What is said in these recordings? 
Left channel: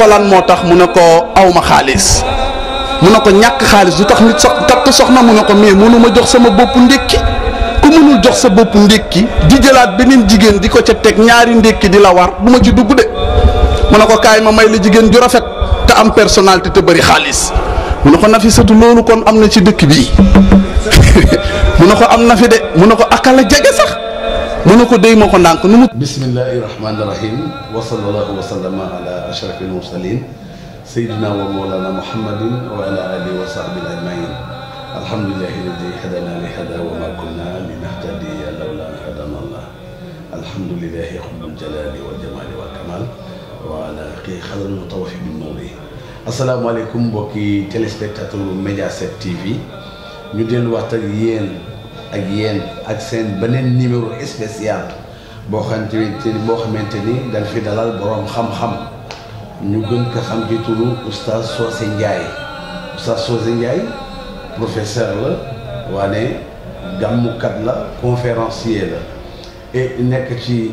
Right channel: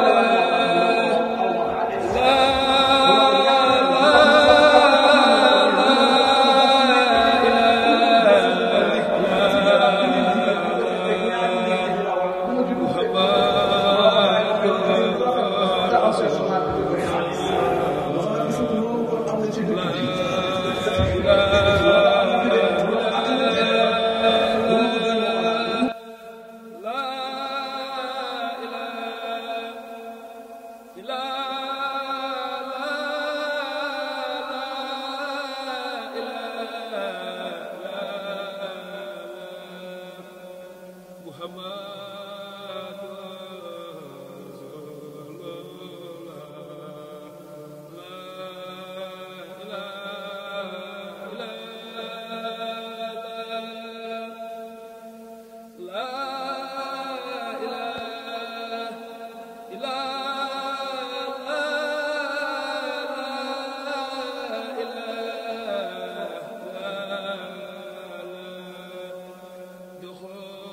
ko lan moo tax mu ne ko awma xaalis mu ne ko ñàkk xaalis du tax nit takk soxna mu ne ko mais mënu ma jox sama bopp ndékki ku mënul jox sa bopp ndékki di jëlaat beneen jigéen di ko ca teg ñaari ndékki di la war bu ma ci dugg de mu ne ko kaay ma may la jigéen ju rafet te am personnalité te bëri xaalis mu ne ko Nafisatu loolu kon am na ci dëkk bii mu ne ko am na fi de mu ne ko akala jege sax mu ne ko déy ma ko ndànk nu mu bismillahi rahmani rahim wa sallallahu wa sallama ala ashrafil mursalin sayyidina wa mawlana muhammadin wa ala alihi wa sahbihi ajmain alhamdulillahi alladi hadana li hada wa ma kunna linahtadiya lawla an hadana allah alhamdulillahi rabbul jalali wal jamali wal kamal wa ala qadri wa tawfiq bil mawli asalaamaaleykum mbokki téléspectateur Mediaset TV ñu delluwaat ak yéen ak seen beneen numéro spécial boo xamante ni dañ fi dalal borom xam-xam ñu gën ko xam ci turu oustaz Socé Ndiaye oustaz Socé Ndiaye professeur la waane gàmmukat la conférencier la et nekk ci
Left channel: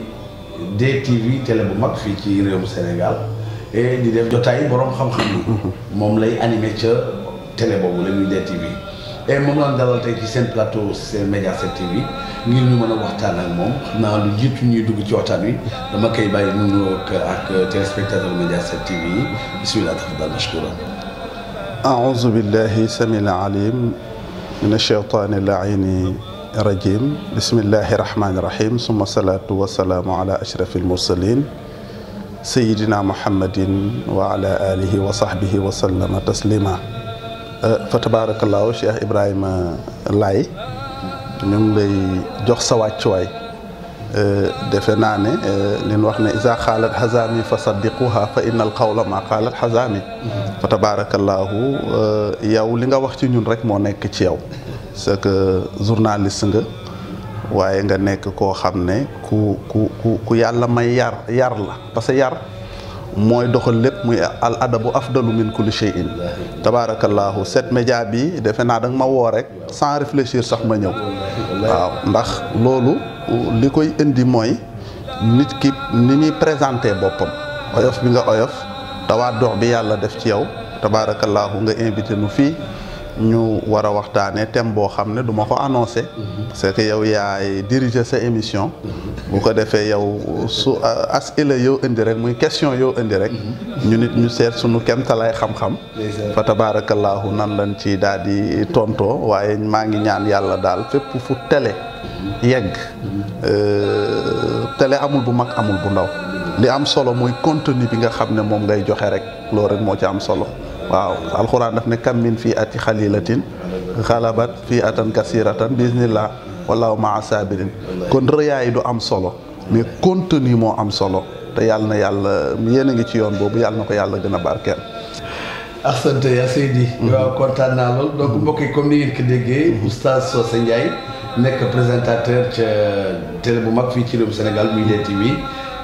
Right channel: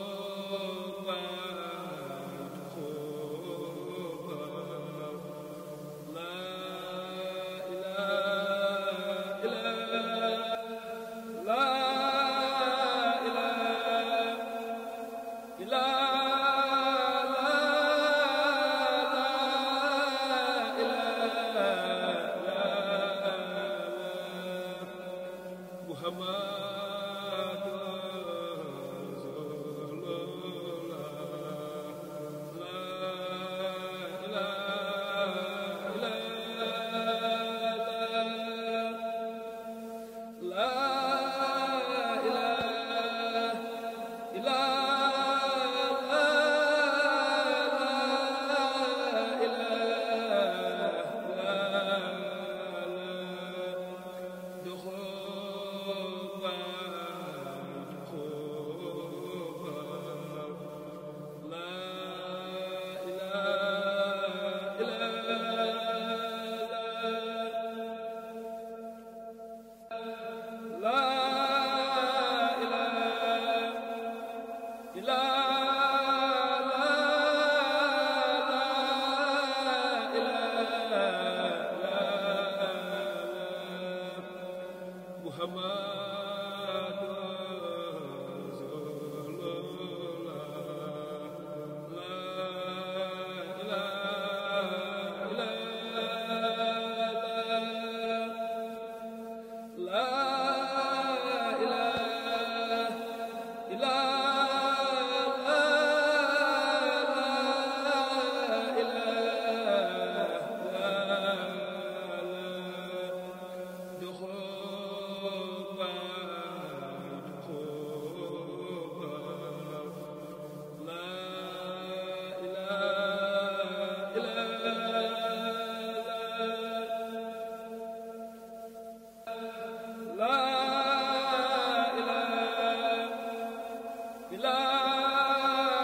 DTV télé bu mag fii ci réewum Sénégal et di def jotaay borom xam-xam yi moom lay animé ca télé boobu la ñuy DTV et moom la dalal tey ci seen plateau seen Mediaset TV ngir ñu mën a waxtaan ak moom xam naa lu jiitu ñuy dugg ci waxtaan wi dama koy bàyyi mu ngi ak téléspectateur Mediaset TV yi bismillah tafadal mashkura aouzu billahi samil alim min ash-shaytani al-la'ini rajim bismillahi rahmani rahim summa salatu wa salaamu ala ashrafil mursalin sayidina muhammadin wa ala alihi wa sahbihi wa sallama taslima fa tabarakallahu Cheikh Ibrahima Laye ñu ngi lay jox sa wàccuwaay defe naa ne li ñu wax ne isa xaalat xazami fa saddiquha fa inna al qawla ma xaalat xazami fa tabarakallahu yow li nga wax ci ñun rek moo nekk ci yow c'est que journaliste nga waaye nga nekk koo xam ne ku yàlla may yar la parce que yar mooy doxal lépp muy al adabu afdalu min kulli shay'in tabarakallahu set média bi defe naa da nga ma woo rek sans réfléchir sax ma ñëw waaw ndax loolu li koy indi mooy nit ki ni muy présenté boppam oyof bi nga oyof tawaat dox bi yàlla def ci yow tabarakallahu nga invité nu fii ñu war a waxtaanee thème boo xam ne du ma ko annoncé c'est que yow yaay diriger sa émission bu ko defee yow su asila yow indi rek muy question yow indi rek ñu nit ñu seet suñu kemtalaay xam-xam fa tabarakallahu nan lañ ci daal di tontoo waaye maa ngi ñaan yàlla daal fépp fu télé yegg télé amul bu mag amul bu ndaw li am solo muy contenu bi nga xam ne moom ngay joxe rek loolu rek moo ci am solo waaw alxuraan daf ne kam min fii ati xalilatin xalabat fii atan kasiratan bismillah wallahu maa sabirin kon rëyaay du am solo mais contenu moo am solo te yàlla na yàlla yéen a ngi ci yoon boobu yàlla na ko yàlla gën a barkeel. asante ya Seydi waaw kontaan naa lool donc mbokk yi comme ni ngeen ko déggee oustaz Socé Ndiaye nekk présentateur ca télé bu mag fii ci réewum Sénégal muy DTV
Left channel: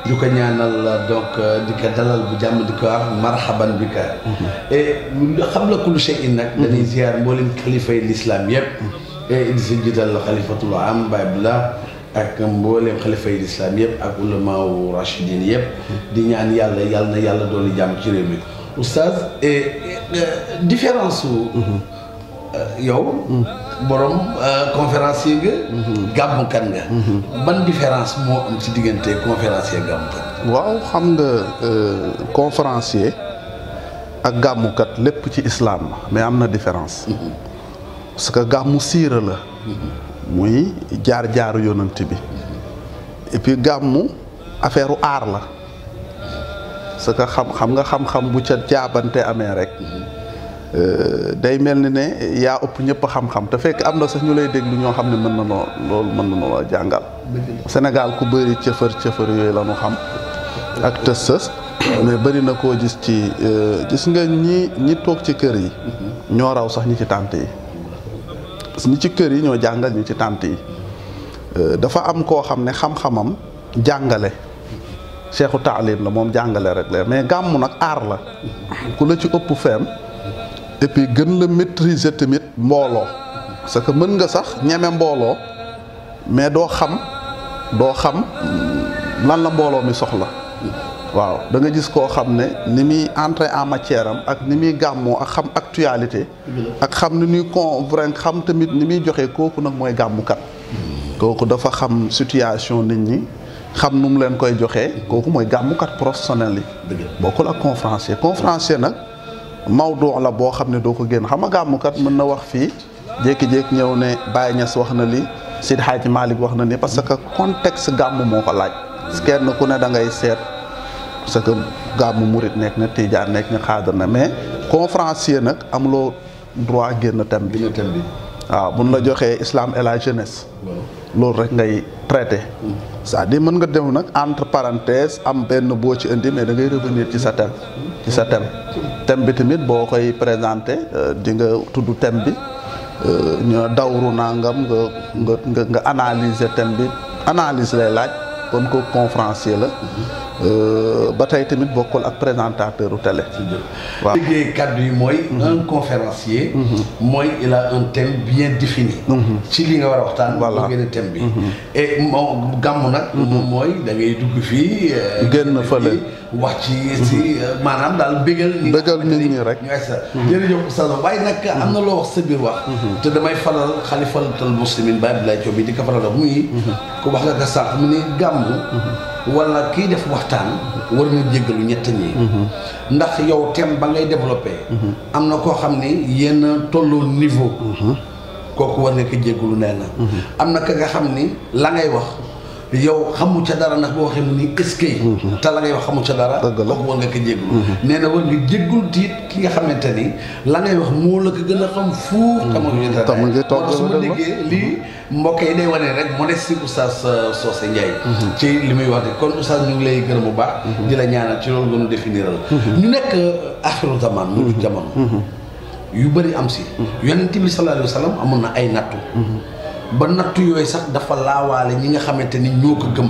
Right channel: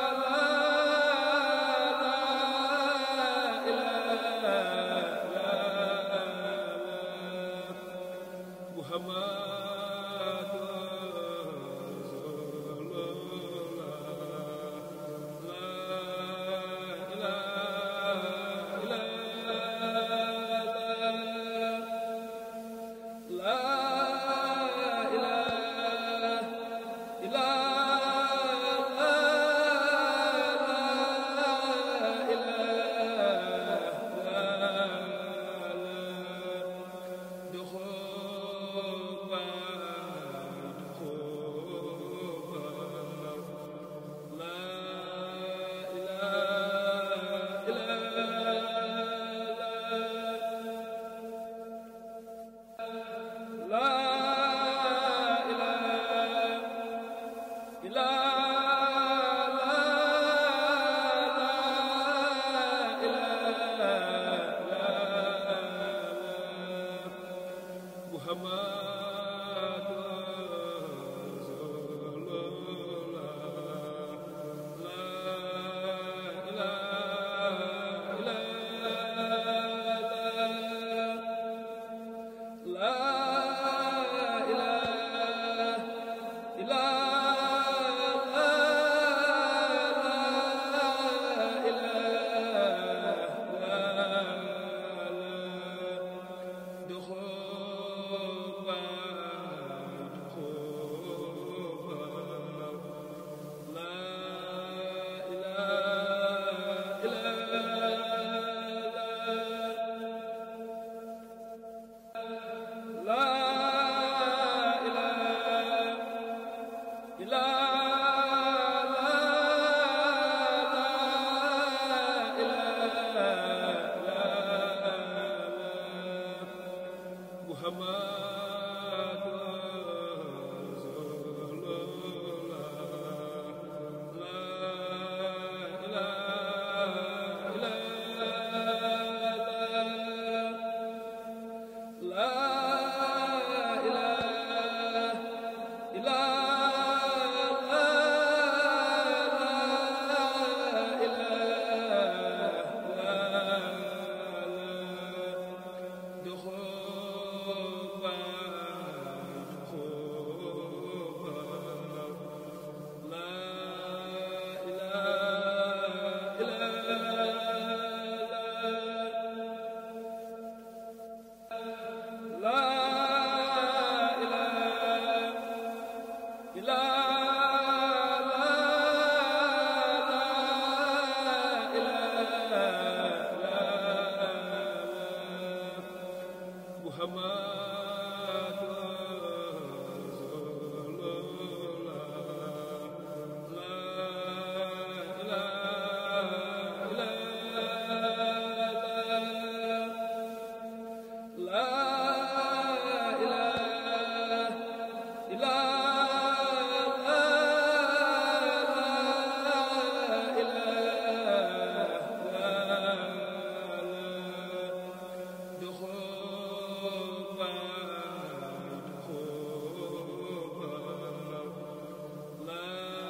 di ko ñaanal donc di ko dalal bu jàmm di ko wax marhaban bi ka et xam la kullu shay'in nag dañuy ziar mboolem xalifay l'islam yëpp et di si jiital xalifatul am Baye Abdallah ak mboolem xalifay l'islam yëpp ak ulamaaw rachidin yëpp di ñaan yàlla na yàlla doon jàmm ci réew mi oustaz et différence su yow borom conférencier nga gàmmukat nga ban différence moo am ci diggante conférencier gàmmukat waaw xam nga conférencier ak gàmmukat lépp ci islam la mais am na différence parce que gàmmu siira la muy jaar-jaaru yonent bi et puis gàmmu affaire u aar la parce que xam nga xam-xam bu ca jaabante amee rek day mel ni ne yaa ëpp ñëpp xam-xam te fekk am na sax ñu lay déglu ñoo xam ne mën na noo loolu mën na noo jàngal Sénégal ku bëri cëfër yooyu la ñu xam ak tës mais bëri na koo gis ci gis nga ñi toog ci kër yi ñoo raw sax ñi ci tànt yi parce que ñi ci kër yi ñoo jàngal ñi ci tànt yi dafa am koo xam ne xam-xamam jàngale cheikhu taalim la moom jàngale rek la mais gàmmu nag aar la ku la ci ëpp feem et puis gën la maîtriser tamit mbooloo parce que mën nga sax ñeme mbooloo mais doo xam lan la mbooloo mi soxla waaw da nga gis koo xam ne ni muy entrer en matière am ak ni muy gàmmoo ak xam actualité ak xam ni ñuy convaincre xam tamit ni muy joxe kooku nag mooy gàmmukat kooku dafa xam situation nit ñi xam nu mu leen koy joxee kooku mooy gàmmukat professionnel yi bokkul ak conférencier nag mawdu la boo xam ne doo ko génn xam nga gàmmukat mën na wax fii jékki-jékki ñëw ne Baye Niass wax na li Seydi Hadji Malick wax na ni parce que contexte gàmm moo ko laaj kenn ku ne da ngay seet parce que gàmmu murit nekk na tijaan nekk na xaadar na mais conférencier nag amuloo droit génn thème bi waaw buñ la joxee islam et la jeunesse loolu rek ngay traité c'est-à-dire mën nga dem nag entre parenthèses am benn boo ci indi mais da ngay revenir ci sa thème bi tamit boo koy présenté di nga tudd thème bi ñu dawru nangam nga analyser thème bi analyse lay laaj kon ko conférencier la ba tey tamit bokkul ak présentateur u télé waaw liggéey kàddu yi mooy un conférencier mooy il a un thème bien défini ci li nga war a waxtaan boo génne thème bi et moom gàmm nag mooy da ngay dugg fii génn fële wax ci maanaam daal bégal nit ñi rek ñu sa jërëjëf Oustaz waaye nag am na loo wax sa biir wax te damay falal xalifatul muslimin Baye Abdoulaye Diop bi di ko falal muy ku wax nga ko sànq mu ne gàmm wala kii def waxtaan war ñu jéggalu ñett ñi ndax yow thème ba ngay développé am na koo xam ne yéen tolloo niveau kooku war nga ko jéggalu nee na am na ka nga xam ni la ngay wax yow xamu ca dara nag boo waxee mu ni eskay te la ngay wax xamu ca dara kooku war nga ko jéggul nee na war nga jéggul tiit ki nga xamante ni la ngay wax moo la ko gën a xam fuuf xamul ngi toog su ma déggee lii mbokk yi day wane rek mu ne si Oustaz Socé Ndiaye ci li muy wax ne kon Oustaz ñu ngi lay gërëm bu baax di la ñaanal ci loolu gënu définiral ñu nekk axiru zaman mu jamono yu bëri am si yonent bi sallallahu alayhi wa sallam amoon na ay nattu ba nattu yooyu sax dafa laawaale ñi nga xamante ni ñoo ko gëm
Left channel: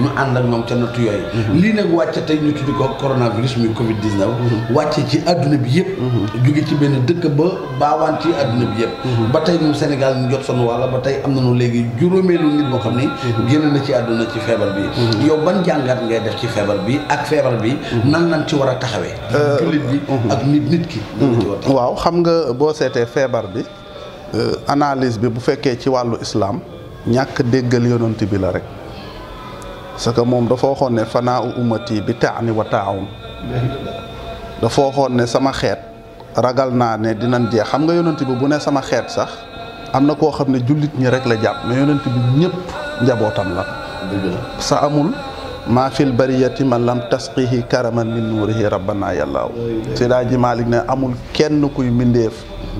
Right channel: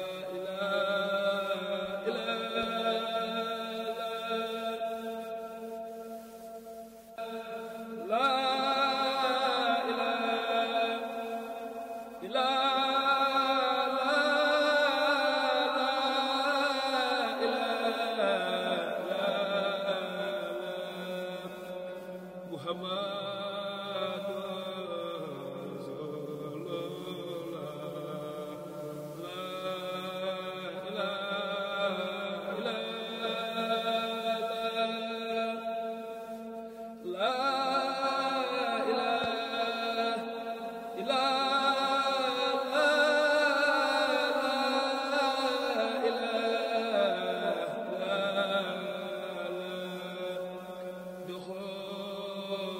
ñu ànd ak ñoom ca nattu yooyu lii nag wàcce tey ñu tuddi ko coronavirus muy Covid 19 wàcce ci àdduna bi yëpp jóge ci benn dëkk ba baawaan ci àdduna bi yëpp ba tey ñun Sénégal ñu jot sonu walla ba tey am nañu léegi juróomeelu nit boo xam ni génn na ci àdduna ci feebar bi yow ban jàngat ngay def ci feebar bi ak feebar bi nan lañ ci war a taxawee jullit bi ak nit ki waaw xam nga boo seetee feebar bi analyse bi bu fekkee ci wàllu islam ñàkk déggal yonent bi la rek parce que moom dafa waxoon ne fanaa u ummati bi taani wa taawun dafa waxoon ne sama xeet ragal naa ne dinañ jeex xam nga yonent bi bu ne sama xeet sax am na koo xam ne jullit ñi rek la jàpp mais yonent bi ñëpp njabootam la sa amul maa fil bariyati man lam tasqihi karaman min nuurihi rabbana yàllaaw Seydi Ji Malick ne amul kenn kuy mbindeef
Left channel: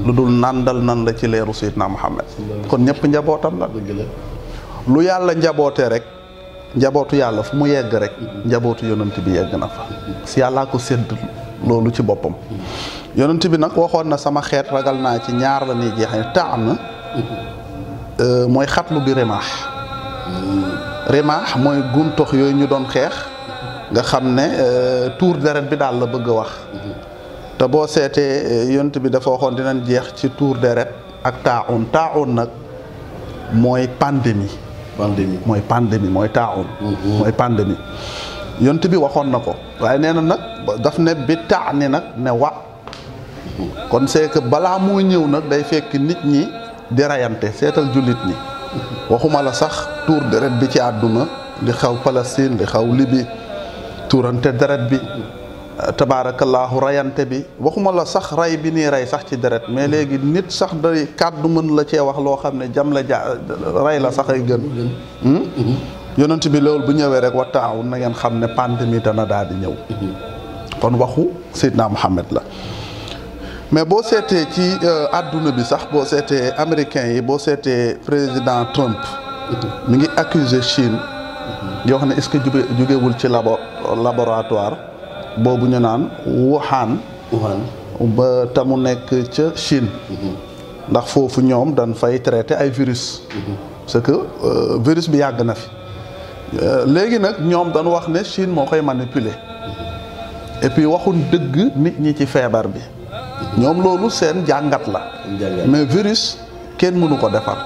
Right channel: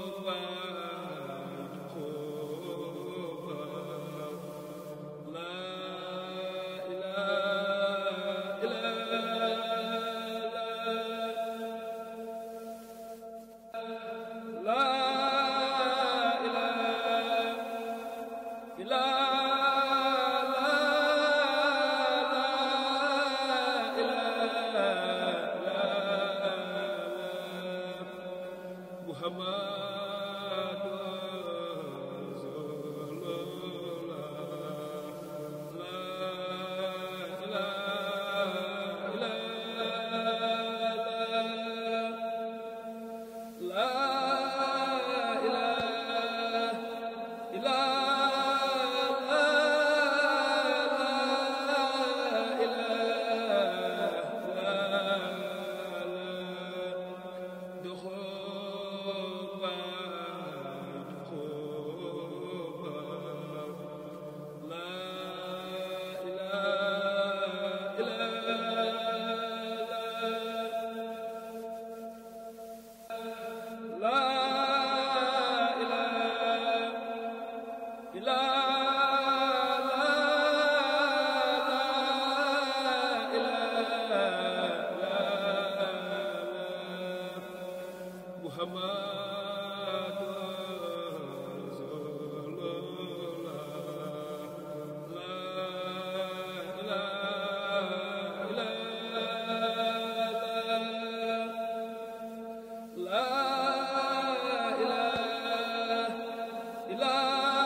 lu dul nandal nan la ci leeru Seydina Muhammad kon ñëpp njabootam la lu yàlla njaboote rek njabootu yàlla fu mu yegg rek njabootu yonent bi yegg na fa si yàllaa ko sédd loolu ci boppam yonent bi nag waxoon na sama xeet ragal naa ci ñaar la ñuy jeexee taan mooy xatlu bi rimaax mooy guntox yooyu ñu doon xeex nga xam ne tuur deret bi daal la bëgg a wax te boo seetee yonent bi dafa waxoon dinañ jeex ci tuur deret ak taaun nag mooy pandémie mooy taaun mooy pandémie yonent bi waxoon na ko waaye nee na nag daf ne bi taani nag ne wa kon c'est que balaa moo ñëw nag day fekk nit ñi di rayante seetal jullit ñi waxuma la sax tuur deret bi ci àdduna di xaw Palestine di xaw Libye tuurante deret bi tabaarakallaahu rayante bi waxuma la sax ray bi nii rey sax ci deret mais léegi nit sax day kàddu mën la cee wax loo xam ne jam la rey la sax ay gën yonent bi loolu bu ñëwee rek wa taawun na ngeen xam ne pandémie dana daal di ñëw kon waxu Seydina Muhammad la mais boo seetee ci àdduna bi sax boo seetee américains yi boo seetee président Trump mi ngi accuser Chine yoo xam ne est-ce que jugewul ci laboratoire boobu ñu naan Wuhan ba te mu nekk ca Chine ndax foofu ñoom dañ fay traité ay virus parce que virus bi yàgg na fi léegi nag ñoom dañ wax ne Chine moo koy manipuler et puis waxuñ dëgg nit ñi ci feebar bi ñoom loolu seen jàngat la mais virus kenn mënu ko defar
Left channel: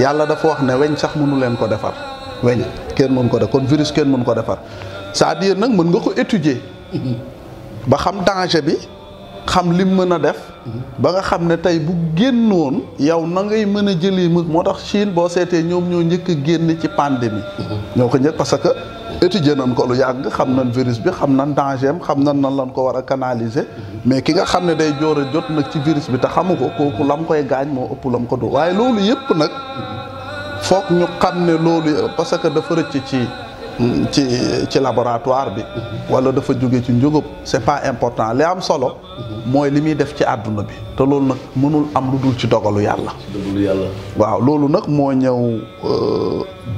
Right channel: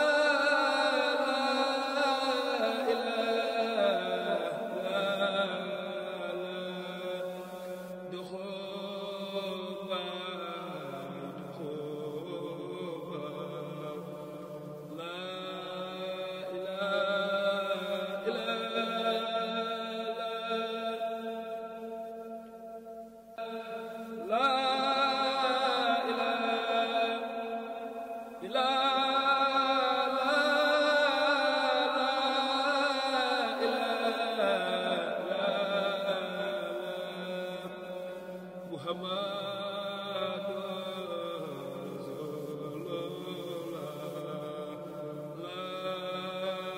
yàlla dafa wax ne weñ sax mënu leen ko defar weñ kenn mënu ko def kon virus kenn mënu ko defar c'est-à-dire nag mën nga ko étudier ba xam danger bi xam lim mën a def ba nga xam ne tey bu génnoon yow na ngay mën a jëlee moo tax Chine boo seetee ñoom ñoo njëkk a génn ci pandémie ñoo ko njëkk parce que étudier nañ ko lu yàgg xam nañ virus bi xam nañ danger am xam nañ nan lañ ko war a canaliser mais ki nga xam ne day joor a jot nag ci virus bi te xamu ko kooku lam koy gaañ moo ëpp lam ko du waaye loolu yëpp nag foog ñu xam ne loolu parce que dafa rëcc ci laboratoire bi wala dafa jóge ci njugub c'est pas important li am solo mooy li muy def ci àdduna bi te loolu nag mënul am lu dul ci dogalu yàlla waaw loolu nag moo ñëw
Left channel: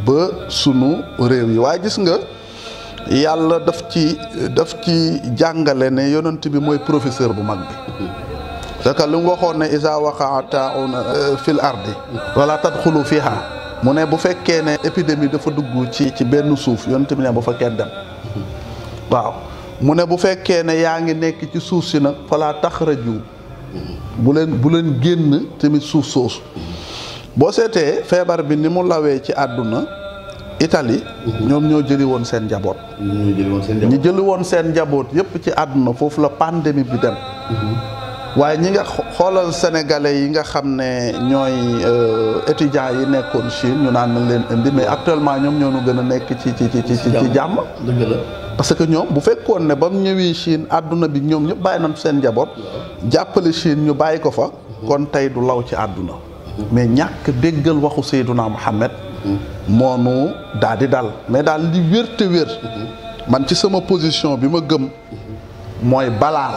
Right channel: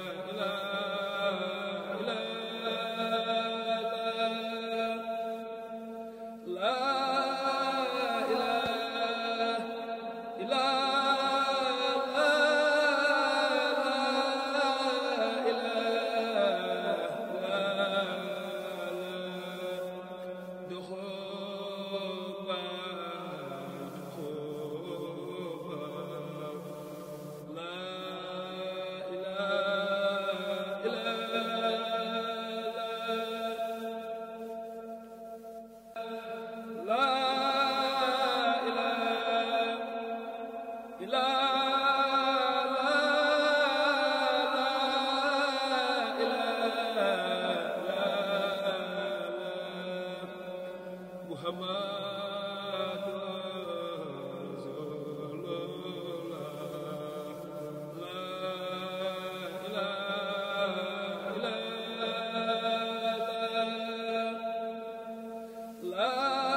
ba sunu réew yi waaye gis nga yàlla daf ci jàngale ne yonent bi mooy professeur bu mag bi parce que li mu waxoon ne isa waqa'a taa'un fil ardi wala tadxulu fiha mu ne bu fekkee ne épidémie dafa dugg ci benn suuf yonent bi ne bu fa kenn dem waaw mu ne bu fekkee ne yaa ngi nekk ci suuf si nag fala taxraju bu leen génn tamit suuf soosu boo seetee feebar bi ni mu lawee ci àdduna Italie ñoom ñoo jëli woon seen njaboot ñi jëli woon seen njaboot yépp ci àdduna foofu la pandémie bi dem waaye ñi nga xoolal sénégalais yi nga xam ne ñooy étudiants yi nekkoon Chine ñu naan nañ leen indi mais actuellement ñoom ñoo ñu gën a nekk ci jàmm parce que ñoom bu fekkoon ne ba mu ñëwee Chine àdduna bi ñoom ñëpp bàyyi nañ seen njaboot jàppale Chine ñu bàyyi ko fa kon tey du law ci àdduna mais ñàkk déggal waxu Seyduna Muhammad moonu daal di dal mais daal li wér te wér man ci sama position bi ma gëm mooy balaa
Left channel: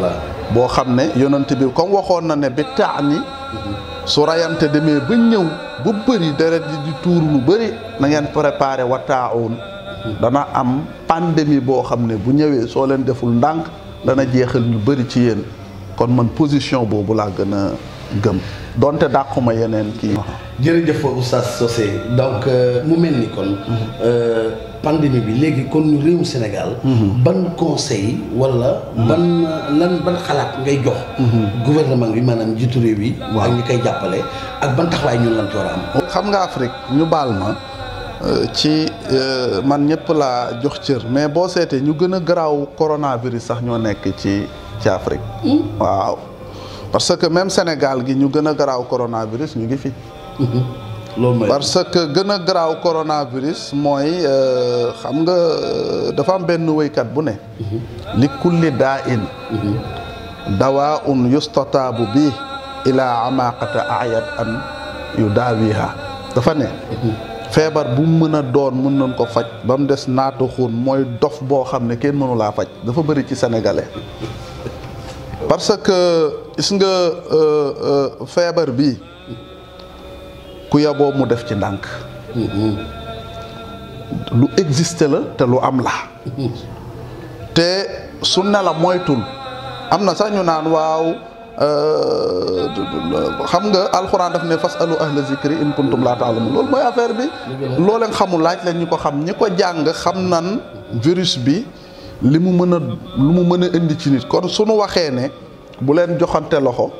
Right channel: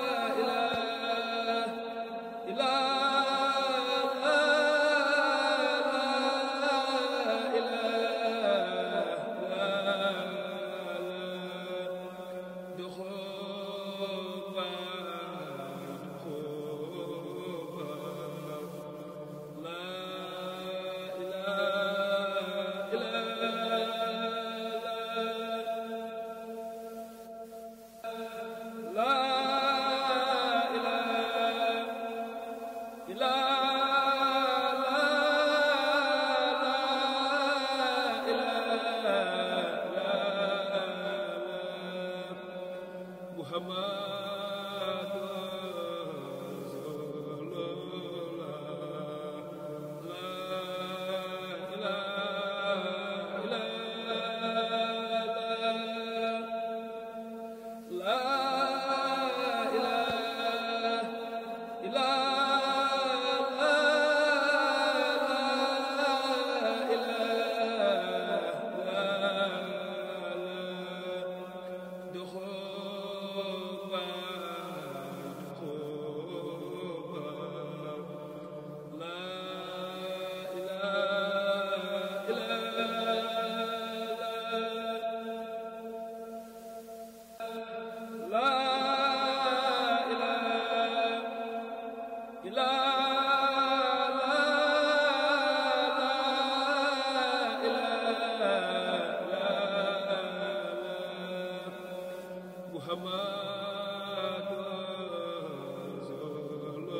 la boo xam ne yonent bi comme waxoon na ne bi taax ni su rayante demee ba ñëw bu bëri deret di tuur lu bëri na ngeen préparé wa taawun dana am pandémie boo xam ne bu ñëwee soo leen deful ndànk dana jeexal lu bëri ci yéen kon man position boobu laa gën a gëm donte dàquma yeneen kii. jërëjëf Oustaz Socé donc mu mel ni kon pandémie bi léegi kon réewu Sénégal. ban conseil wala. ban xalaat ngay jox. gouvernement bi maanaam jiitu réew yi. ak ñu koy jàppale ak ban taxawaay ñu lan war a am. xam nga Afrique ñu baal ma ci man ñëpp laa jox cër mais boo seetee ñu gën a garaaw coronavirus sax ñoo nekk ci Afrique. waaw parce que même Sénégal gi ñu gën a garaaw coronavirus ñu ngi fi. parce que gën a garaaw coronavirus mooy xam nga dafa am benn wéykat bu ne li kulli daa in dawaa un yustataabu bi ilaa amaqata ayat an yu daawiha dafa ne feebar bu mën a doon mën nañ ko faj ba mu des naatu xun mooy dof boo xam ne kenn mënu laa faj dafa bëri ci sénégalais parce que gis nga feebar bi ku yaboo mu def ci ndànk lu existe la te lu am la te su ne la moytul am na sax ñu naan waaw xam nga alxuraan daf ne fasalu ahla zikri in kuntum laa ta'lamun loolu mooy affaire bi loo leen xamul laaj leen ñu ko xam ñi ko jàng xam nan virus bi li mu mën a indi ci nit kon suñu waxee ne bu leen joxante loxo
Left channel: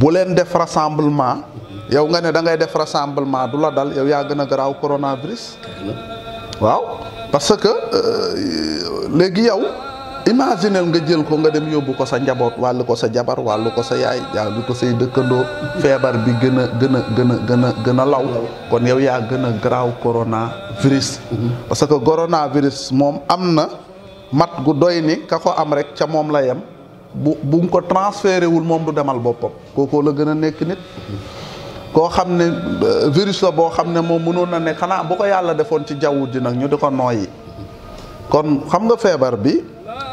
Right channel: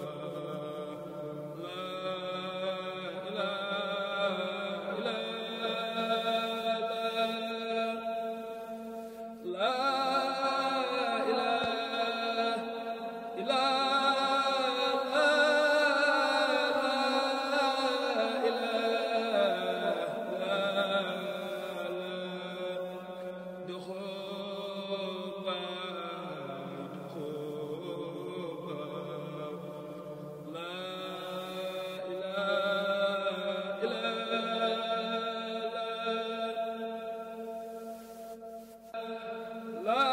bu leen def rassemblement yow nga ne da ngay def rassemblement du la dal yow yaa gën a garaaw coronavirus waaw parce que léegi yow imaginel nga jël ko nga dem yóbbu ko sa njaboot wàllu ko sa jabar wàllu ko sa yaay wàllu ko say dëkkandoo feebar bi gën a law kon yow yaa gën a garaaw coronavirus parce que coronavirus moom am na mat gu doy ni ka ko am rek ca moom la yem bu nga ko transféré wul moom du demal boppam kookoo la gën a nekk nit koo xam ne virus la boo xam ne moom mënoon na ne xanaa bu ko yàlla defoon ci jaww ji nag ñu di ko nooyi kon xam nga feebar bi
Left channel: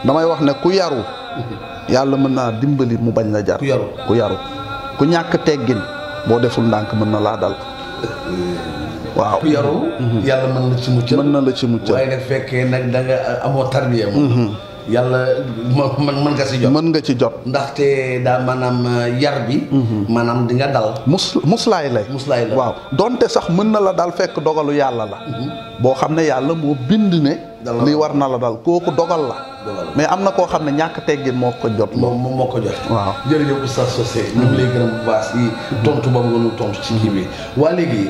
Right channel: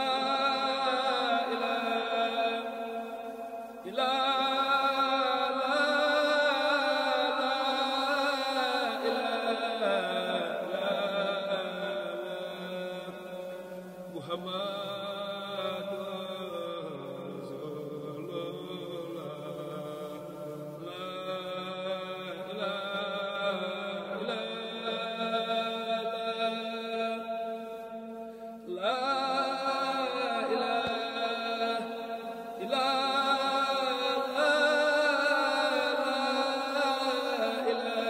damay wax ne ku yaru yàlla mën naa dimbali mu bañ la jar ku yaru ku ñàkk teggin boo deful ndànk mën na laa dal waaw ku yaru yàlla mën na ci mucc mën na la ci mucc waaye nag fekkee nag da nga amoo tarbiya moom yàlla mën nga ci jot mën nga ci jot ndaxte daa maanaam yar bi maanaam di nga dal muslaay la waaw donte sax mën na la dal fekk dogalu yàlla la boo xam ne yàlla moo bind ne lii war na la dal kooku dogal la mais am na koo xam ne ñàkk teggin moo ko jot. moom moo ko jot. waaw jërëjëf Oustaz Socé ñu ngi lay gërëm bu baax si tontu boobu nga ñu tontu ci kii bi. waa léegi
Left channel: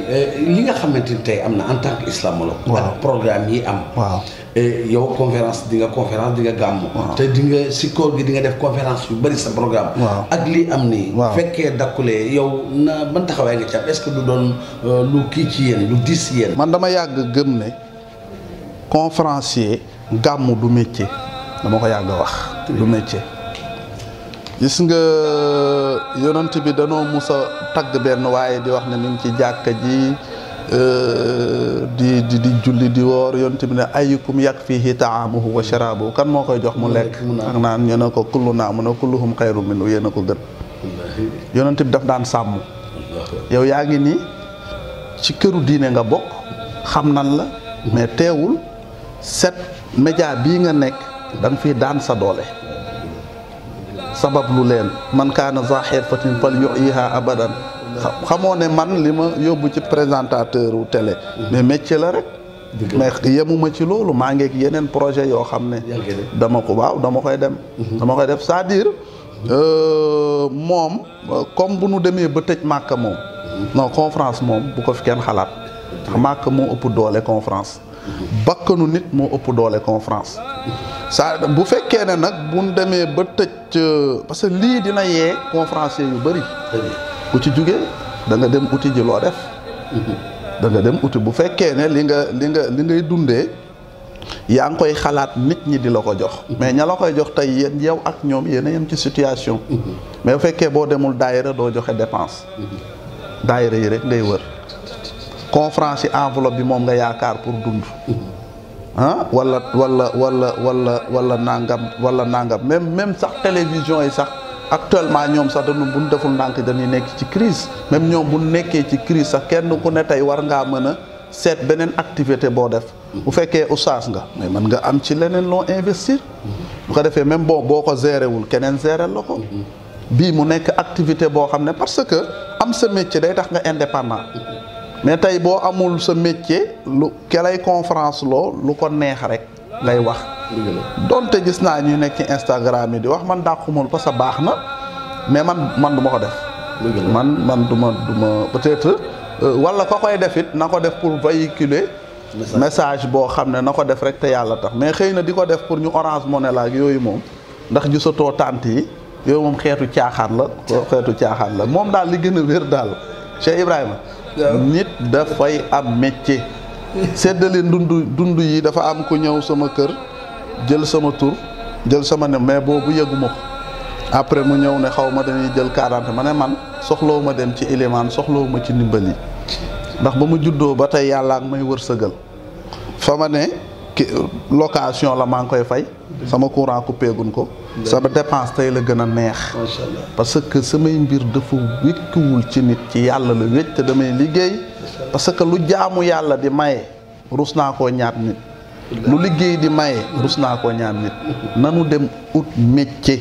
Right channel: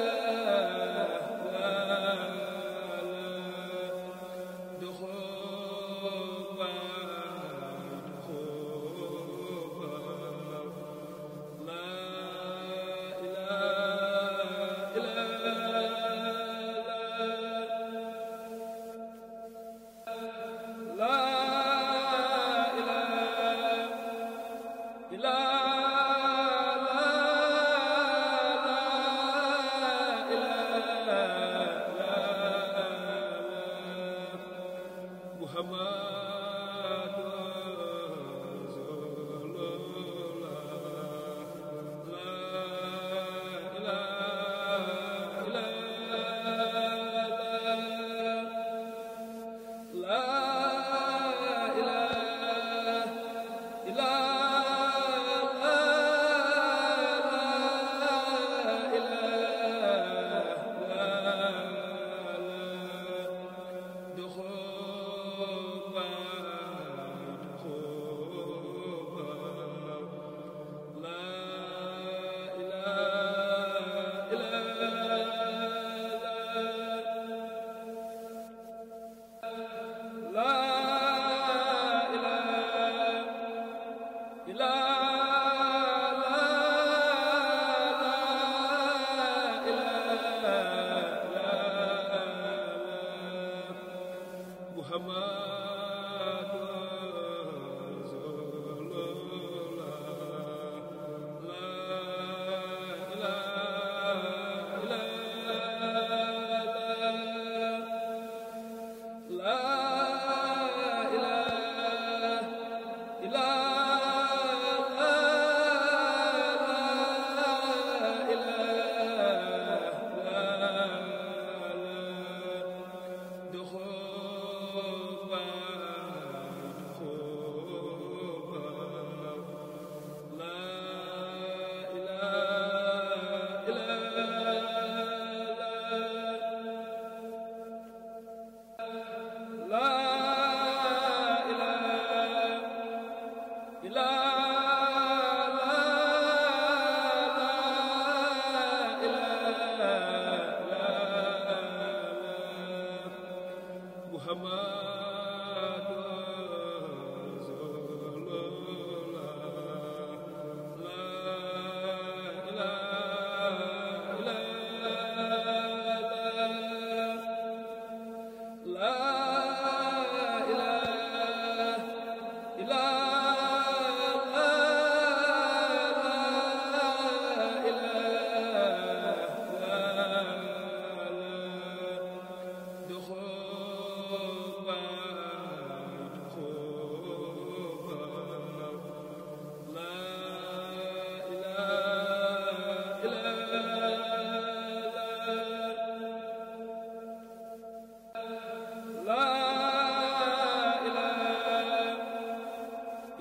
li nga xamante ni tey am na en tant que islamologue. waaw ak programme yi am. waaw yow conférence di nga gàmmu. te di nga si koor gi di nga def conférence yu bëri sa programme. waaw ak lii am nii. waaw fekkee dakkulee yow na ban taxawaay nga ci am est-ce que du doon lu kii ci yéen lu diis ci yéen. man dama yàgg gëm ne conférencier gàmmu du métier dama ko yàgg wax du métier. gis nga yonent bi danoo mus a tagg benn waaye di wax ne ñu ngi ci jàkka ji di julli di woor yonent bi ne ayyukum yakfihi taamuhu wa sharaabuhu kan moo koy jox mu lekk ak naan ñu ne ko kullu naa mu ne kulluhum xayru minhu yéen a ko gën. yonent bi daf daan sàmm. yow yaa ngi nii ci këru diine nga bokk xam nan la mais teewul set média bii nga nekk da nga fiy daan sa doole. sabab lu leen man kaana za xirfatin fal yu'iha abadan xamoo ne man li ma yóbbu ci présentateur u télé mais métier la rek. mais yemuma ci loolu maa ngi ak yeneen projet yoo xam ne dama koy def c'est-à-dire moom comme bu nu demee ba tëj Màkka moom non conférence moom bu ko fi kenn xalaat Màkka moo ëpp doole conférence bakkanu nit moo ëpp doole conférence ça bu fekkee ne nag bu nu demee ba tëj parce que lii dina yee conférencier yu bëri ku ci jógee da nga dem uti ji loo def da nga dem uti bu fekkee ne li ngay dundee yaa ngi koy xalaat nit ñi di la ko jox mais ña la koy jox tey yéen yow ak ñoom yéen a yem ci situation mais bu fekkee boo demul daayira doo joxe dépense daayira yi rek ngay wër conférence yi enveloppe bi moom nga yaakaar pour dund ah wala nangam même sax télévision yi sax actuellement ñoom sax dañu buñ deful ndànk dañuy nekk ci crise même ñoom bu nekkee ci crise sax kenn ku ne tey war ngaa mën a seet beneen activité boo def bu fekkee oustaz nga mais mën nga am ci leneen loo investir bu ko defee même boo ko géré wul keneen géré la ko bii mu nekk activité boo xam ne parce que am sa métier day tax nga indépendant mais tey boo amul sa métier lu kelay conférence loo lu ko neex rek ngay wax donte gis naa ñu nekk ci Instagram yi di wax man dàqumul parce que baax na mais man du ma ko def man du ma peut-être wala ko koy def it na ko def pour véhiculer message boo xam ne na ko def rek te yàlla tax mais xëy na di ko def pour ñu Orange Money la ak yooyu moom ndax gisatoo tànt yi yooyu moom xeetu caaxaan la moom daal li gën a wér daal Cheikh Ibrahima nit dafay am métier seddale dund yi dafa am ku ñëw sama kër jël sama tur jël sama ne mais boobu yëguma ko après mu ñëw ne xaw ma dañuy jël 40 ma ne man soxlawu ma dem ci ilimaan soxlawu ma ci ndimbal yi ndax ba mu juddoo ba tey yàlla ak may wërsëgal fa ma ne location la maa ngi koy fay sama courant coupé gun ko sama dépense tey la gën a neex parce que samay mbir dafa wékkiwul ci nit ci yàlla la wécc te damay liggéey parce que lu jaamu yàlla di maye rus naa koo ñaat nit lu liggéey di maye rus naa koo ñaat nit nanu dem ut métier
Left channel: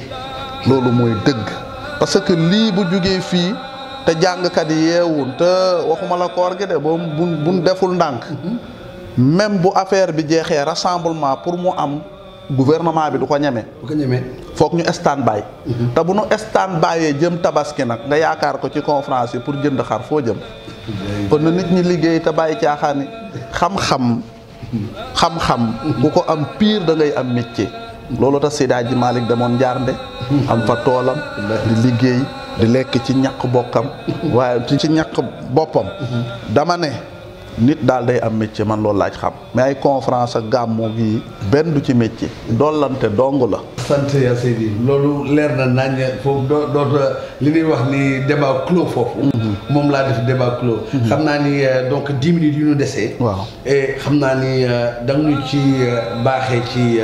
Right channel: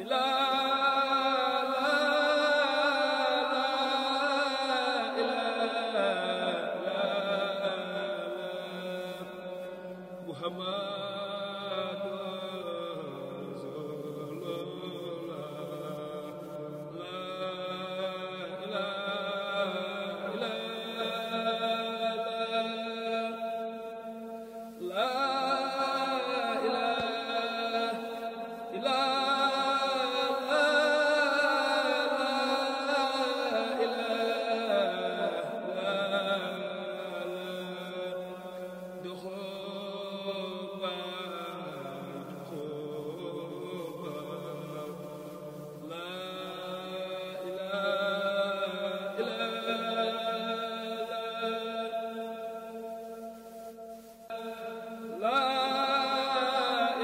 loolu mooy dëgg parce que lii bu jugee fii te jàngkat yi yeewul te waxuma la koor gi de boo buñ deful ndànk même bu affaire bi jeexee rassemblement pour mu am gouvernement bi du ko ñeme foog ñu stand by te bu nu stand by jëm tabaski nag nga yaakaar ko ci conférence yi pour jënd xar foo jëm kon na nit ñi liggéey te bàyyi caaxaani xam-xam bu ko am pire da ngay am métier loolu tax Seydi Hadji Malick demoon Njaarnde am fa toolam di liggéey di lekk ci ñaq bokkam waaye ci ñaq boppam dama ne nit daal day am métier man loolu laaj xam mais ay conférence ak gàmmu gi benn du ci métier dollante dong la. sant yaa Seydi loolu leer na nañ foofu dootu li ñuy wax ni débat clos foofu. moom laa def débat clos. xam naa ni donc 10 minutes yu ñu desee. waaw et xam naa ni da nga ñu ci baaxee ci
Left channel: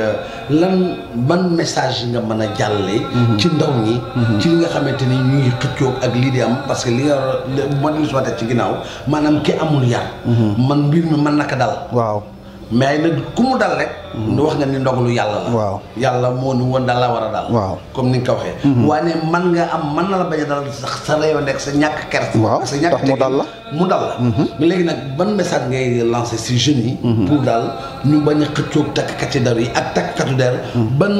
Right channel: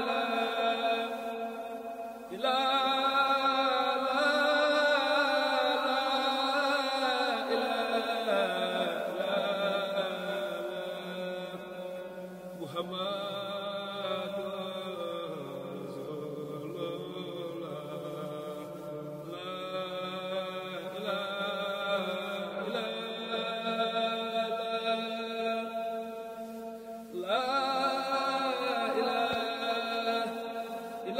lan ban message nga mën a jàllale. ci ndaw ñi. ci li nga xamante ni ñu ngi xëccoo ak lii di am parce que li nga mën nañu soxla ci ginnaaw maanaam ki amul yar. man mbir mi mën naka dal. waaw mais nag ku mu dal rek. wax nga ni ndogalu yàlla la. waaw yàlla moo ni woon daal la war a dal. waaw comme ni nga ko waxee. waaye man nga am mën na la bañ a dal sax sa réew nekk sa ñàkk kersa. waaw sa ñàkk tax mu dal la. mu dal la. mais léegi nag ban message ngay lancé si jeunes yi. pour daal ñu bañ a xëccoog takkati der yi ak takkatu der. ban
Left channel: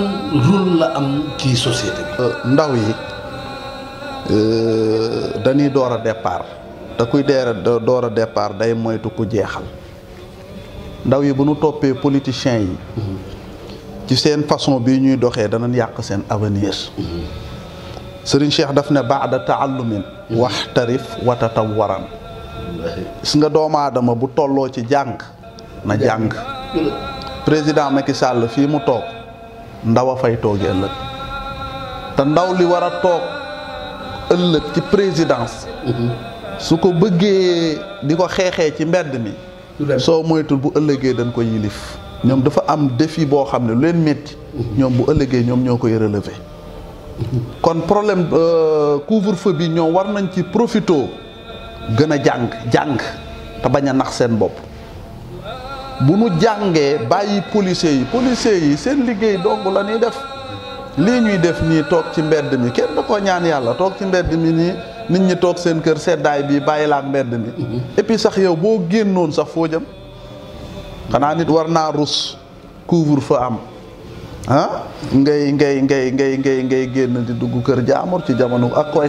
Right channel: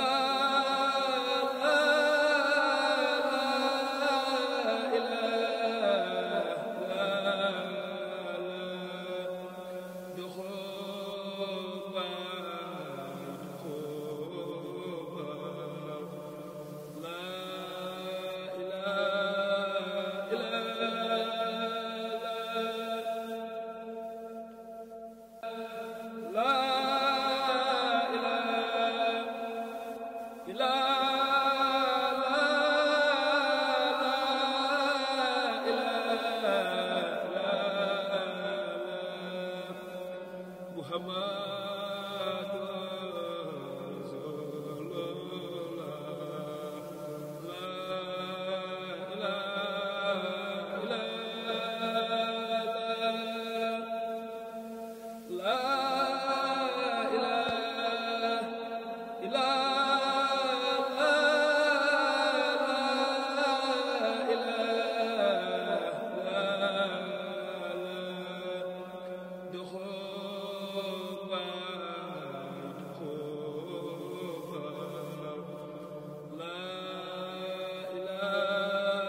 rôle la am ci société bi. ndaw yi dañuy door a départ te kuy door a départ day moytu ku jeexal. ndaw yi bu nu toppee politiciens yi ci seen façon bii ñuy doxee danañ yàq seen avenir. Serigne Cheikh daf ne baada taallumin waxtarif wa tatawwaran. gis nga doomu aadama bu tolloo ci jàng na jàng. président Macky Sall fii mu toog ndaw a fay toogee ëllëg te ndaw li war a toog ëllëg ci présidence su ko bëggee di ko xeexee ci mbedd mi soo moytul bu ëllëgee dañ ko yilif. ñoom dafa am défi boo xam ne lu leen métti ñoom bu ëllëgee ñoom ñoo koy relever. kon problème couvre-feu bi ñoom war nañ ci profito gën a jàng te bañ a nax seen bopp. bu nu jàngee bàyyi policiers yi seen liggéey dong la ñuy def. lii ñuy def nii toog ci mbedd mi kenn da ko ñaan yàlla toog ci mbedd mi nii nit ñi toog seen kër seddaay bi bàyyi la ak mbedd mi. et puis sax yow boo génnoon sax foo jëm xanaa nit war naa rus couvre-feu am ah ngay génn di dugg kër jaamur ci jamono ak koy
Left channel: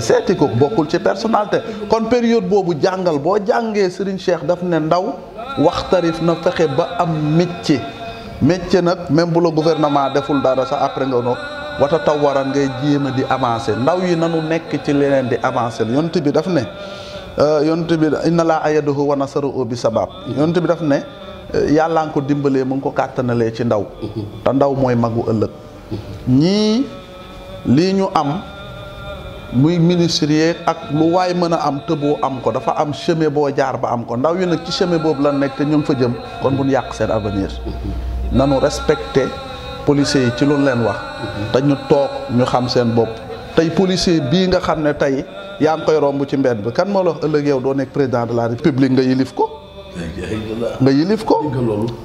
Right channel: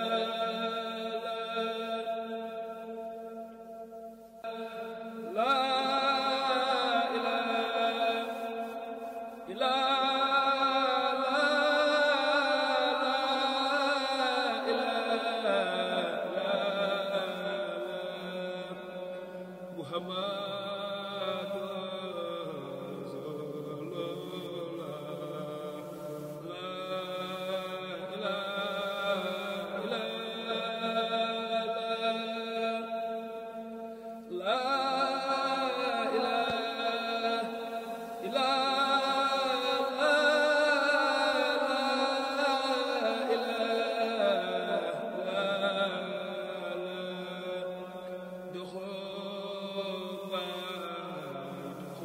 seeti ko bokkul ci personnalité. kon période boobu jàngal boo jàngee Serigne Cheikh daf ne ndaw waxtarif na fexe ba am métier nag même bu la gouvernement deful dara sax après nga noonu wata taw waral ngay jéem a di avancer ndaw yi nanu nekk ci leneen di avancer yonent bi daf ne inna laa ayadahu wa nasarahu bi sabab yonent bi daf ne yàllaa nga ko dimbalee mu ngi ko kàttanalee ci ndaw te ndaw mooy magu ëllëg ñii lii ñu am muy ministère ak lu waay mën a am tëboo am ko dafa am chemin boo jaar ba am ko ndaw yi nag ci chemin boobu la nekk te ñu ngi fa jëm kon bu ñu yàq seen avenir. nanu respecté policiers yi ci lu leen wax te ñu toog ñu xam seen bopp tey policier bii nga xam ne tey yaa ngi koy romb ci mbedd bi kan moo la wax ëllëg yow doo nekk président de la république nga yilif ko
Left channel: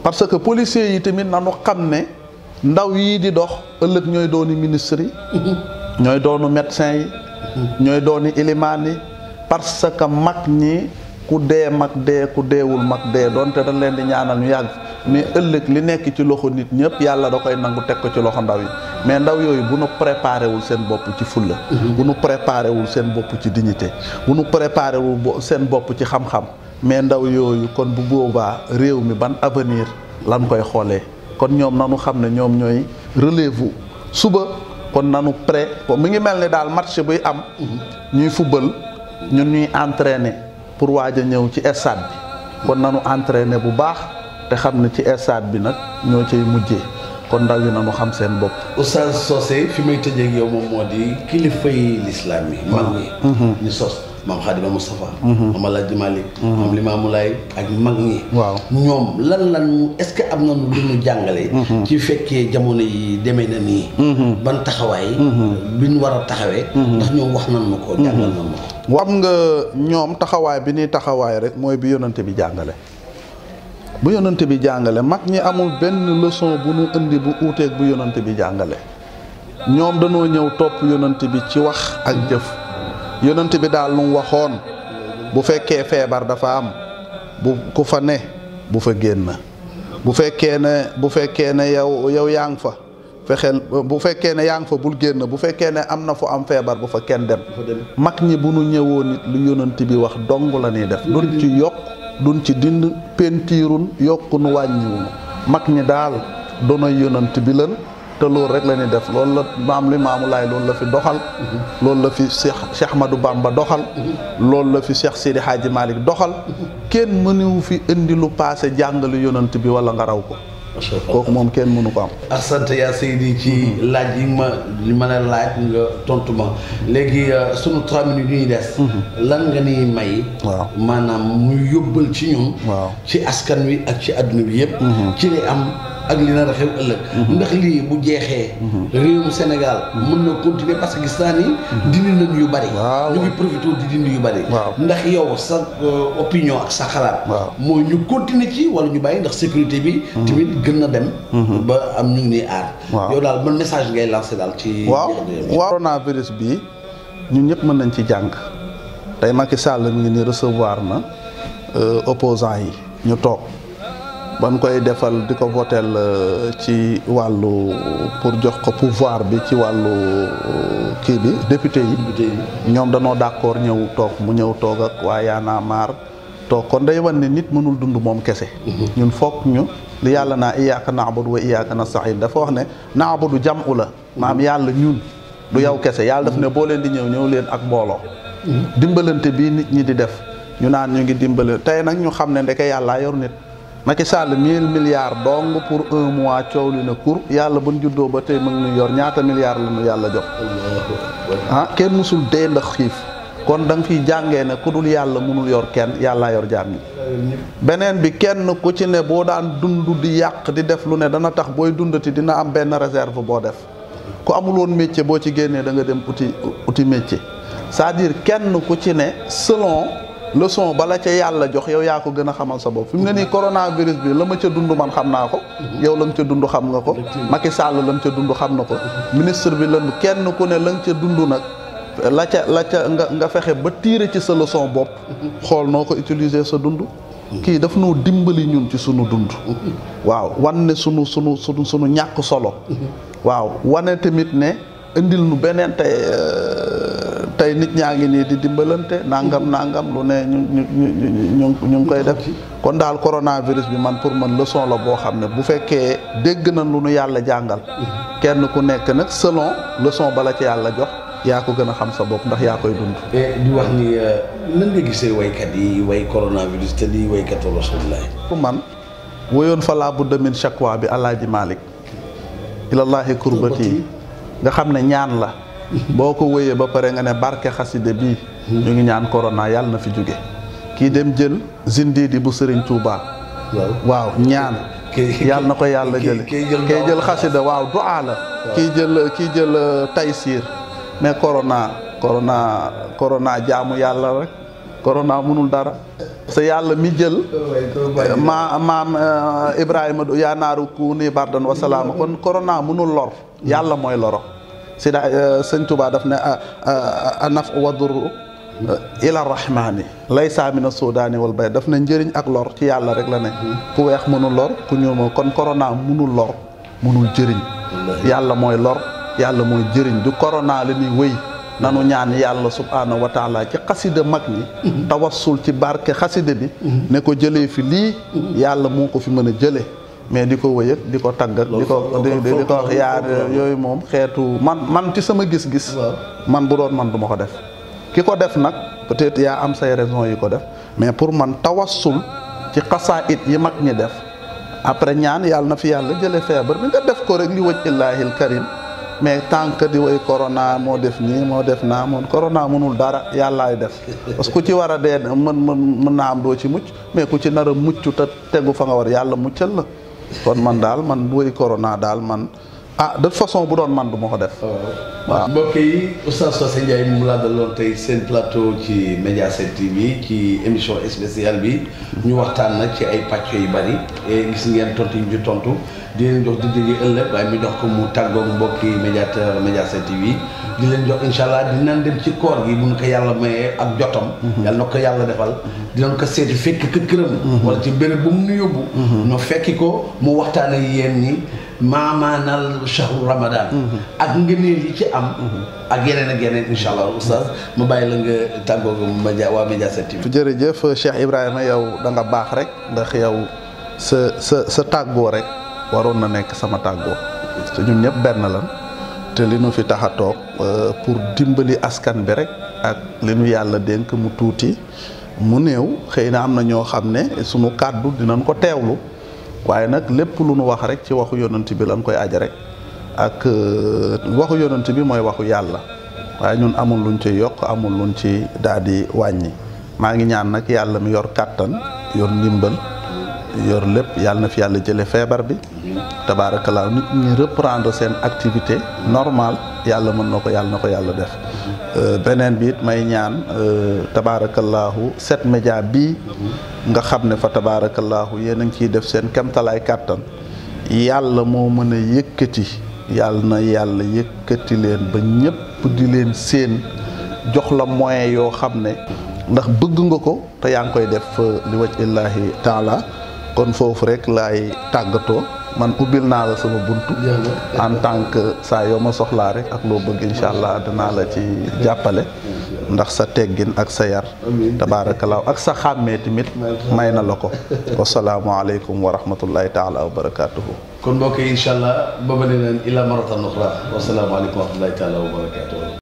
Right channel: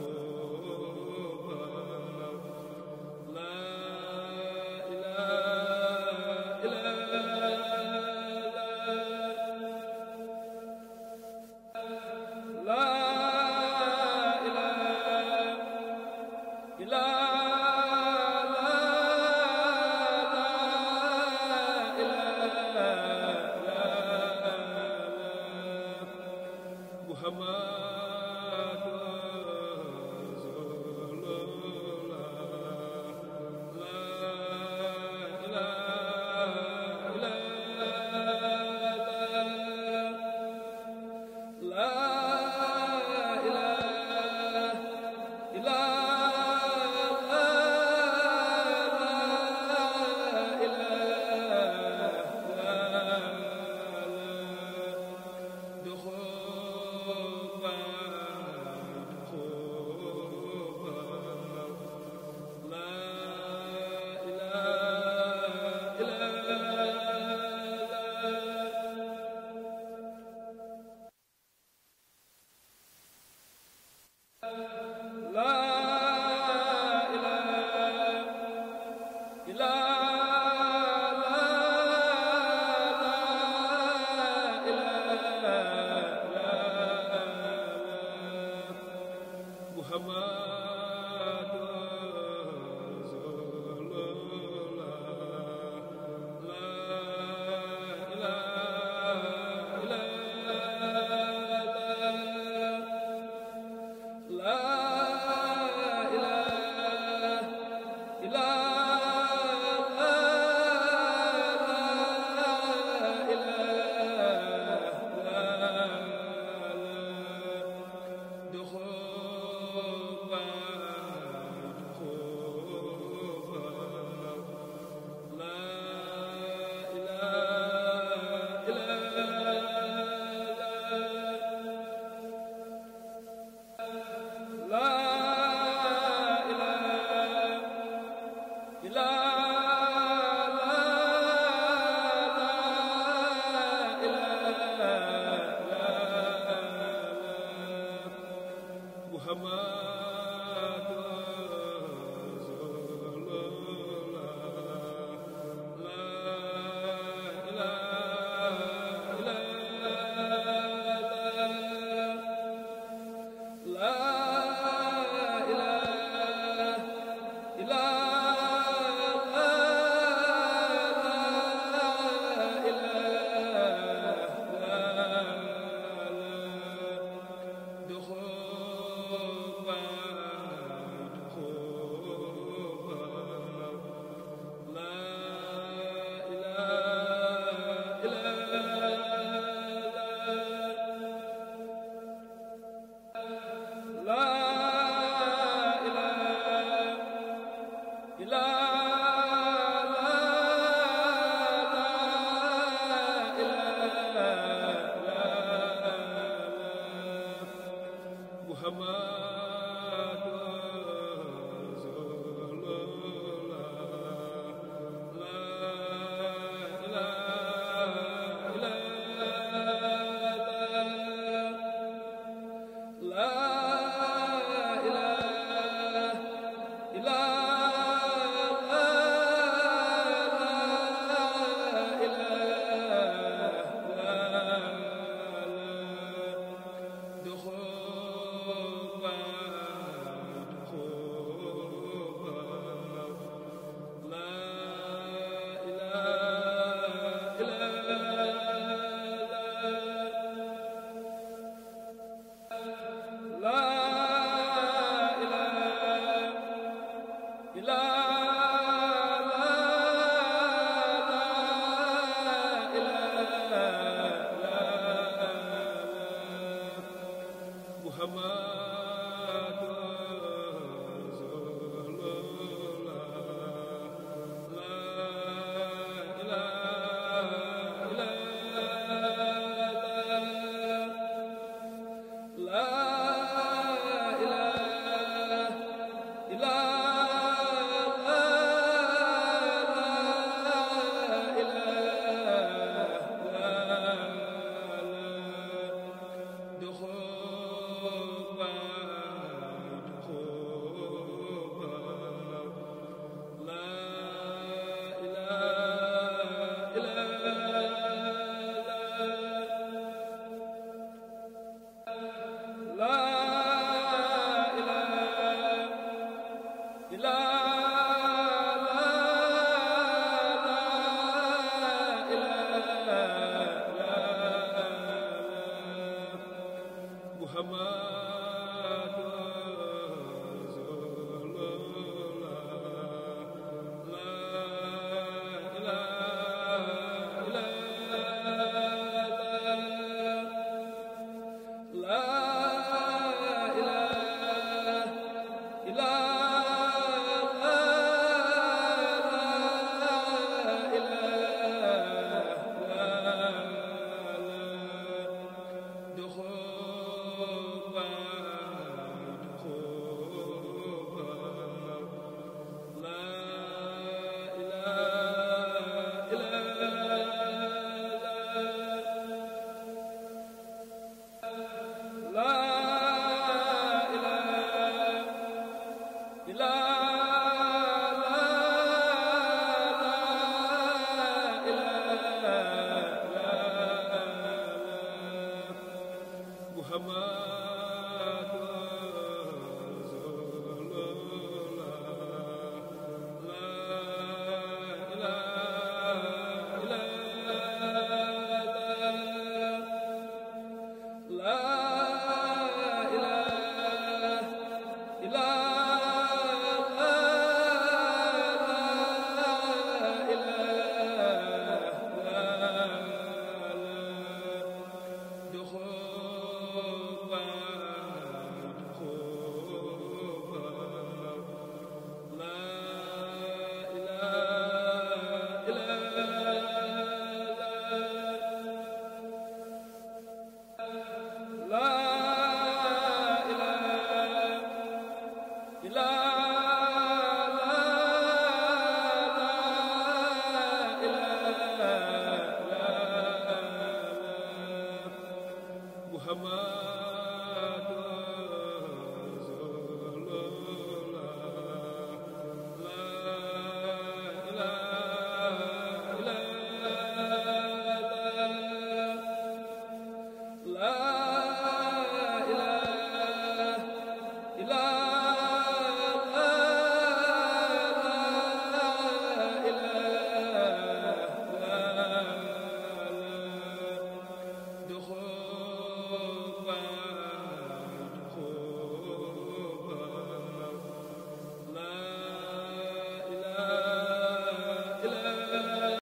parce que policiers yi tamit nanu xam ne ndaw yii di dox ëllëg ñooy dooni ministre yi ñooy doonu médecin yi ñooy dooni ilimaan yi parce que mag ñi ku dee mag dee ku deewul mag dee doonte dañ leen di ñaanal ñu yàgg mais ëllëg li nekk ci loxo nit ñëpp yàlla da koy nangu teg ko ci loxo ndaw yi mais ndaw yooyu bu nu préparé wul seen bopp ci fulla bu nu préparé wul seen bopp ci dignité bu nu préparé wul seen bopp ci xam-xam mais ndaw yooyu kon bu boobaa réew mi ban avenir lan koy xoolee kon ñoom nanu xam ne ñoom ñooy relève suba kon nanu prêt mi ngi mel ni daal match buy am ñuy football ñun ñuy entraîner pour waaj a ñëw ci stade bi kon nanu entraîner bu baax te xam ne ci stade bi nag ñoo cay mujjee kon ndaw yi nanu xam seen bopp. Oustaz Socé fi may tëjee ak yow moom moo di kilifa yi lislaam yi mag ñi ñu sos maam Xaadima Moustapha maam Alaaji Malick maam Limaamu Laay ak mag ñi waaw ñoom lan est-ce que am na lu ñu jàngale ci fekkee jamono yi demee na nii ban taxawaay bi ñu war a taxawee ndax ñoom wax nan ma ko jàngal nan ma ko xam nga ñoom taxawaay bi ñuy taxawaay rek mooy bi yonante bi jàngale bu yonante bi jàngale mag ñi amul benn leçon bu ñu indi bu uuteeg bu yonante bi jàngale ñoom dañoo ñëw topp yonante bi ci wax ak jëf yonante bi daal lu mu waxoon bu fekkee feebar dafa am bu ku fa ne bu fa génn bu fekkee ne yow yaa ngi fa fexeel bu fekkee ne yaa ngi fa bul génn bu fekkee ne am na fu am feebar bu fa kenn dem mag ñi bu nu ñëwoon nit lu yonante bi wax dong la ñuy def duñ ci yokk duñ ci dind pentiirun yokku nu wàññiwun mag ñi daal doonay yonant bi lan te loolu rek la ñuy def loolu la maam Limaamu Laay loolu la fi doxal loolu la fi Cheikh Ahmadou Bamba doxal loolu la fi Cheikh Sidi Hadji Malick doxal kenn mënuwu fi indi lu paase jàngale yonant bi wala nga raw ko kooku moom kenn mënu ko am. sant yaa Seydi ci laaj yi ma la laaj nga tontu ma léegi sunu 3 minutes yu ñuy des. lan nga ni may. waaw maanaam mu yóbbal ci ñun. waaw ci askan wi ak ci adduna bi yëpp. ci li am ak li nar a xew ëllëg. ndax lii bu jeexee. réewu Sénégal mën na continuer parce que gis naa ni. dindi nañ yu bari. ñu ngi profité di dindi yu bari. ndax yow sa opinion ak sa xalaat. mooy ñu continuer ci wala ñu bàyyi ndax sécurité bi. tamit gën na dem. ba am ñu ngi aar. yow daal ban message ngay lancé daal ci. waaw coronavirus bi ñun ñëpp mën nañ ci jàng tey Macky Sall mi ngi ni recevoir na opposants yi ñu toog ba mu koy defal di ko votel ci wàllu pour jox ko pouvoir bi ci wàllu kii bi député yi ñoom danoo d'accord ñëw toog mu ñëw toog ak waa Y'en a marre toog kon day wan ne nit mënul dund moom kese ñun foog ñu li yàlla naa iyyaaka na'budu wa iyyaaka nasta'iin dafa wax ne na'budu jam'u la maam yàlla ñun du yow kese yàlla daf ne boo leen di ñëw leen ak mbooloo dimbalante bii nit ñi di def ñu naan ñu ngi dimbale tey nag ñu xam ne ndeke yàllaa yor nit Macky Sall 1000 milliards dong pour 1 mois coow li na kur yàlla buñ juddoo ba tey mu ngi yor ñaata milliards la ñu yàlla jox kenn musul dee ndax xiif kon da nga fiy jàngee ne ku dul yàlla mënul yor kenn yàllaa yor jaam yi beneen bi kenn ku ci ne boo daan dund di yàq di def lu ne dana tax booy dundati dina am benn réserve boo def ku amul woon métier boo ci génnee da nga dem uti métier c'est-à-dire kenn ku ci ne selon leçon bala ca yàlla jox yow yaa ko gën a xamal sa bopp fi mu ne nii coronavirus bi la ma ca dund man xam naa ko yow la nga ca dund xam nga ko Macky Sall la nga ca dund xam na ko ministre bi lan kenn ku ne la nga ca dund nag la ca nga fexe ba tiire ci sa leçon bopp xool noo ko utiliser sa dund kii daf noo dimbali ñun ci sunu dund waaw wan ne sunu ñàkk solo waaw wane tamit ne indil nu beneen tey nit ñaa ngi nii di dimbalante nangam lu ne ñu ngi koy def kon daal coronavirus bi man pour man leçon la boo xam ne bu fekkee dégg na lu nu yàlla jàngal kenn ku nekk nag selon leçon bala ci yàlla jox yaa ko gën a xam sa bopp ndax yaa koy dund. di wax ni nan nga gisee waykat yi way coronavirus te di waykatu Rasulullah. pour man woyoon fa laa budda min shakwa bi Alaaji Malik ilallahi kurbati nga xam ne ñaan la boo ko wëyee ba pare nga ne barke xaside bii ñu ngi ñaan corona yàlla na fi jóge kii dem jël zindidi bu Serigne Touba waaw ñaan yàlla na ko yàlla jële kii jël xasida waaw du'a la kii jël taysir ne corona jaamu yàlla rek corona mënul dara sa yàlla mi jël maam Ibrahima yaa naaru kuuni bardan wa salaama kon corona mënul lor yàlla mooy loro si da sëñ Tuubaa daf ne anaf wa durru ila rahmaani laysa mina suudaani wal bay daf ne njëriñ ak lor ci yàlla rek la ne ku weex mënul lor ku ñuul moom kon corona mënul lor mënul jëriñ yàlla mooy lor yàlla mooy jëriñ du corona la ñuy wëy nanu ñaan yàlla subhaanahu wa taala ci xasida mag ñi tawassul ci barke xasida bi ne ko jëlee fi lii yàlla moo ko fi mën a jëlee mais di ko wëyëg di ko tagg ak di ko wax yaar yooyu moom xeetu man ci sama gis-gis man bu doon man du ma ko def ki ko def nag peut-être yaa am say raison yi ko def mais pour man tawassul ci xasaayid yi mag ñi def après ñaan yàlla na fi yàlla jëlee feebar bi nga def ko rek li wëj illaahil karim mais tant que di woy corona moo def nii moo def naa moom corona mënul dara yàllaay def parce que ku ci war a dee mën naa am doo ci mucc mais ku ci nar a mucc te tegu fa nga war yàlla muccal la kon man daal man bu woy corona daal man de toute façon bu doon man du ma ko def waaw. mbokk yi Oustaz Socé Ndiaye mu laa daloon tey seen plateau ci Mediaset TV ci émission spéciale bi ñu waxtaan nag ci ay pàcc yu bari et gis ngeen tontu yi ñu tontu di leen jox di jógee ëllëg waaye mi dox ko mu tàggoog mbokki Mediaset TV di leen jox incha allah dinañ dem ci koor gi bu ñu ko yàlla mayee ak jotam. yàlla na ko yàlla defal dinañ ko seeti fekk këram. wala ci béréb bu mu nu yóbbu. ñu fekki ko mu waxtaan ak yéen ñi. maamaanal shahru ramadan ak ngëneel yi ci am ak yeneen incha allah oustaz mu bàyyi la nga tàggoo waa Mediaset TV. jërëjëf Cheikh Ibrahima yow da nga baax rek ndax yow sa tàggoo rek waroon na nekk sama tàggoo te ñun ñëpp benn la te li nu fi tax a toog pour dimbali askan bi rek ak li nu yàlla dénk mu tuuti mu néew xëy na am na ñoo xam ne sunu kàddu dinañ ko teewlu waaye nag lépp lu nu wax rek ci waxu yonent bi lañ koy aja rek ak waxu yonent bi mooy waxu yàlla waaye ñun amul luñ ci yokk amul luñ ci daal di wàññi maa ngi ñaan nag yàlla mi yor kàttan yor ndimbal yor lépp yàlla na fi yàlla jële feebar bi tabaarakallaahu nit ñi reprendre seen activité normale yàlla mën na ko yàlla na ko yàlla def beneen bi it may ñaan tabaarakallaahu 7média bii nga xam ne fa tabaarakallaahu yéen a ngi ciy def seen kemtalaay kàttan yàlla moo mën a yëkkati yàlla na yàlla yëkkati leen ba ñëpp di leen seen jox la moyen yoo xam ne ndax bëgg nga ko te yaa ngi koy def li waj illaahi taala kon foofu rek laay tàggatoo man ubbil naa la sama buntu en tant que saa yoo ma soxlaa rek ak loo bëgg incha allah dinaa la ci jàppale ndax sa teggin ak sa yar tabaarakallaahu ak sa xàmmee tamit may na la ko wasalaamualeykum wa rahmatullahi taala wa barakaatuhu. kon mbokk yi incha allah booba ne leen ila maratan uxra wasalaamualeykum wa rahmatullahi taala wa barakaatuhu.